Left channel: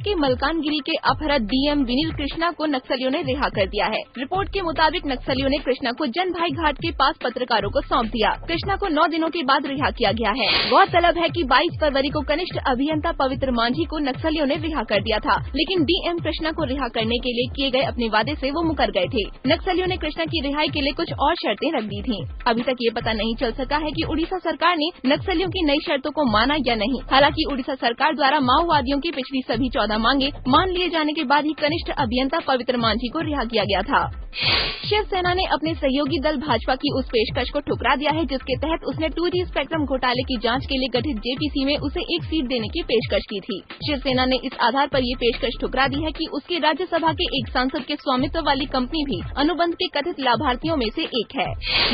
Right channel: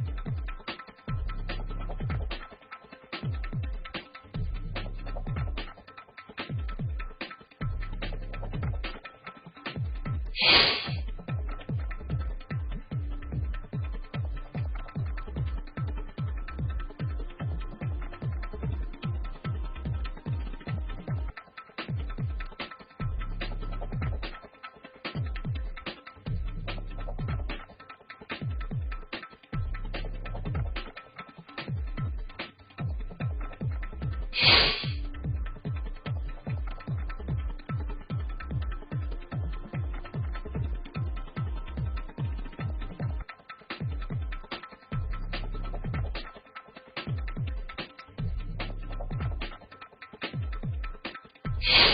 के मलकानगिरी के अपहृत डीएम विनील कृष्णा को नक्सलियों ने रिहा कर दिया है। रिपोर्ट के मुताबिक नक्सलियों ने कृष्णा को जनभाई घाट के पास पत्रकारों को सौंप दिया। कृष्णा को 9 दिनों के बाद रिहा किया गया है। गौरतलब है कि 22 फरवरी को कनिष्ठ अभियंता पवित्र मांझी को नक्सलियों ने रिहा कर दिया था, लेकिन डीएम कृष्णा को रिहा करने के लिए किए गए अपने वादे से वो मुकर गए थे। नक्सलियों ने कृष्णा की रिहाई के लिए कुछ और शर्तें रख दी थी। अभी तक ये पता नहीं चल सका है कि उड़ीसा सरकार ने नक्सलियों की नई शर्तों को माना या नहीं। हालांकि उड़ीसा सरकार द्वारा माओवादियों की पिछली सभी 14 मांगे मान लिए जाने के बाद ही कनिष्ठ अभियंता पवित्र मांझी को रिहा किया गया था। शिवसेना ने अपने सहयोगी दल भाजपा की उस पेशकश को ठुकरा दिया है, जिसके तहत उसने 2G स्पेक्ट्रम घोटाले की जांच के लिए गठित जेपीसी में उसे एक सीट देने की पेशकश की थी। शिवसेना ने इस आधार पर ये पेशकश ठुकरा दी है कि उसके राज्यसभा के एक सांसद के स्वामित्व वाली कंपनी भी अनुबंध के कथित लाभार्थियों में से एक है।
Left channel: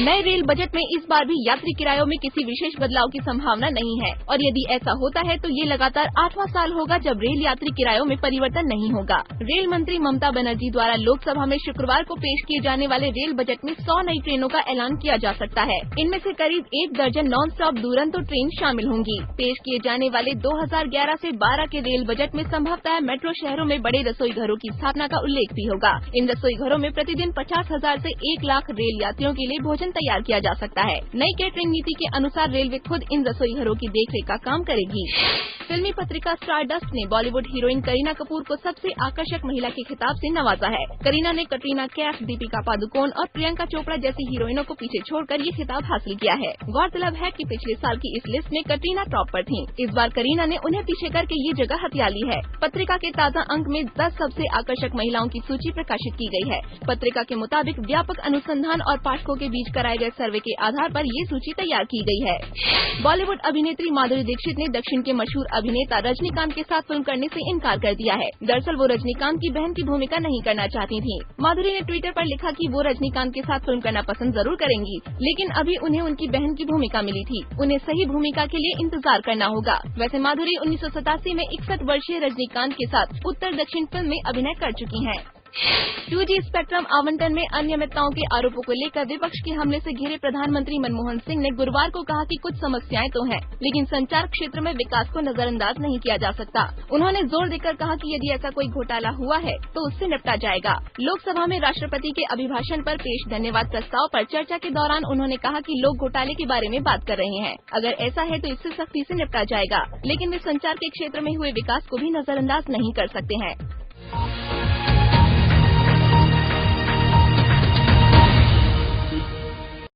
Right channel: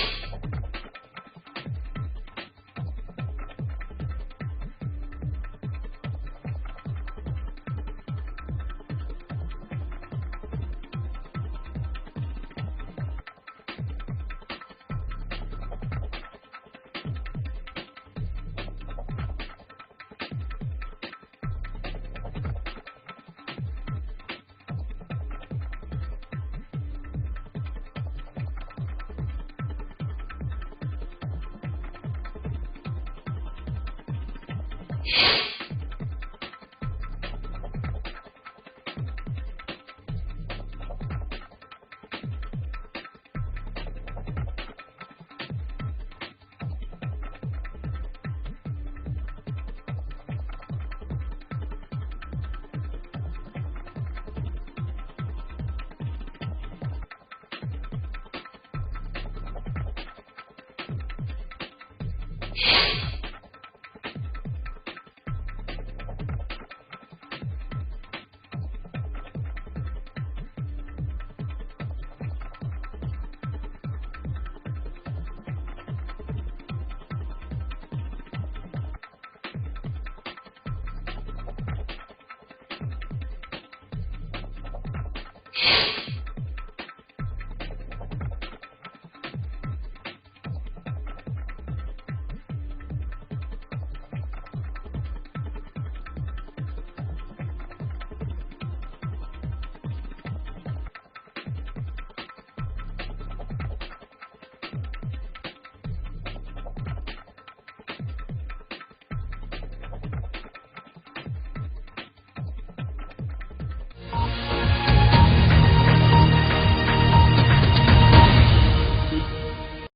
नए रेल बजट में इस बार भी यात्री किरायों में किसी विशेष बदलाव की संभावना नहीं है, और यदि ऐसा होता है तो ये लगातार 8वां साल होगा जब रेल यात्री किरायों में परिवर्तन नहीं होगा। रेल मंत्री ममता बनर्जी द्वारा लोकसभा में शुक्रवार को पेश किए जाने वाले रेल बजट में 100 नई ट्रेनों का ऐलान किया जा सकता है। इनमें से करीब 1 दर्जन नॉन स्टॉप दुरंतो ट्रेन शामिल होंगी। पेश किए जाने वाले 2011 से 12 के रेल बजट में संभवतः मेट्रो शहरों में बड़े रसोई घरों की स्थापना का उल्लेख भी होगा। इन रसोई घरों में प्रतिदिन 50,000 से 1 लाख रेल यात्रियों के लिए भोजन तैयार किया जा सकता है। नई कैटरिंग नीति के अनुसार रेलवे खुद इन रसोई घरों की देखरेख का काम करेगी। फिल्मी पत्रिका स्टारडस्ट ने बॉलीवुड हीरोइन करीना कपूर को सबसे आकर्षक महिला के खिताब से नवाजा है। करीना ने कटरीना कैफ, दीपिका पादुकोण और प्रियंका चोपड़ा जैसी हीरोइनों को पीछे छोड़कर ये खिताब हासिल किया है। गौरतलब है कि पिछले साल की इस लिस्ट में कटरीना टॉप पर थीं। इस बार करीना ने उन्हें पीछे करके ये जगह हथिया ली है। पत्रिका के ताज़ा अंक में 10 सबसे आकर्षक महिलाओं की सूची प्रकाशित की गई है। पत्रिका के मुताबिक व्यापक अनुसंधान और पाठकों के बीच कराए गए सर्वे के आधार पर ये सूची तैयार की गई है। बॉलीवुड अभिनेत्री माधुरी दीक्षित ने दक्षिण के मशहूर अभिनेता रजनीकांत के साथ फिल्म करने से इनकार कर दिया है। दरअसल वो रजनीकांत की बहन की भूमिका नहीं करना चाहती थीं। माधुरी ने ट्विटर पर लिखा कि वो रजनीकांत के साथ फिल्म करना पसंद जरूर करेंगी, लेकिन अभी उन्हें उनकी बहन की भूमिका मिली थी। उन्हें सही भूमिका के लिए इंतजार करना होगा। वैसे माधुरी 1987 में 61 वर्षीय रजनीकांत के साथ उत्तर दक्षिण फिल्म में अभिनय कर चुकी हैं। 2G स्पेक्ट्रम आवंटन में अनियमितताओं के आरोपों को लेकर विपक्ष के हमले से घिरे प्रधानमंत्री मनमोहन सिंह ने गुरुवार को कहा कि कुछ समस्याएं तो हैं, लेकिन संचार क्षेत्र में विकास को नजरअंदाज नहीं किया जा सकता। उन्होंने जोर देकर कहा कि यदि ऐसा कोई घोटाला हुआ है तो उससे निपटा जाएगा। लोकसभा में राष्ट्रपति के अभिभाषण पर पेश धन्यवाद प्रस्ताव पर चर्चा के दौरान उन्होंने कहा कि लोग घोटाले के बारे में बात कर रहे हैं। अगर ऐसा है तो इससे सख्ती से निपटा जाएगा, लेकिन वे संचार के क्षेत्र में हुए विकास को भी नजरअंदाज नहीं कर सकते हैं।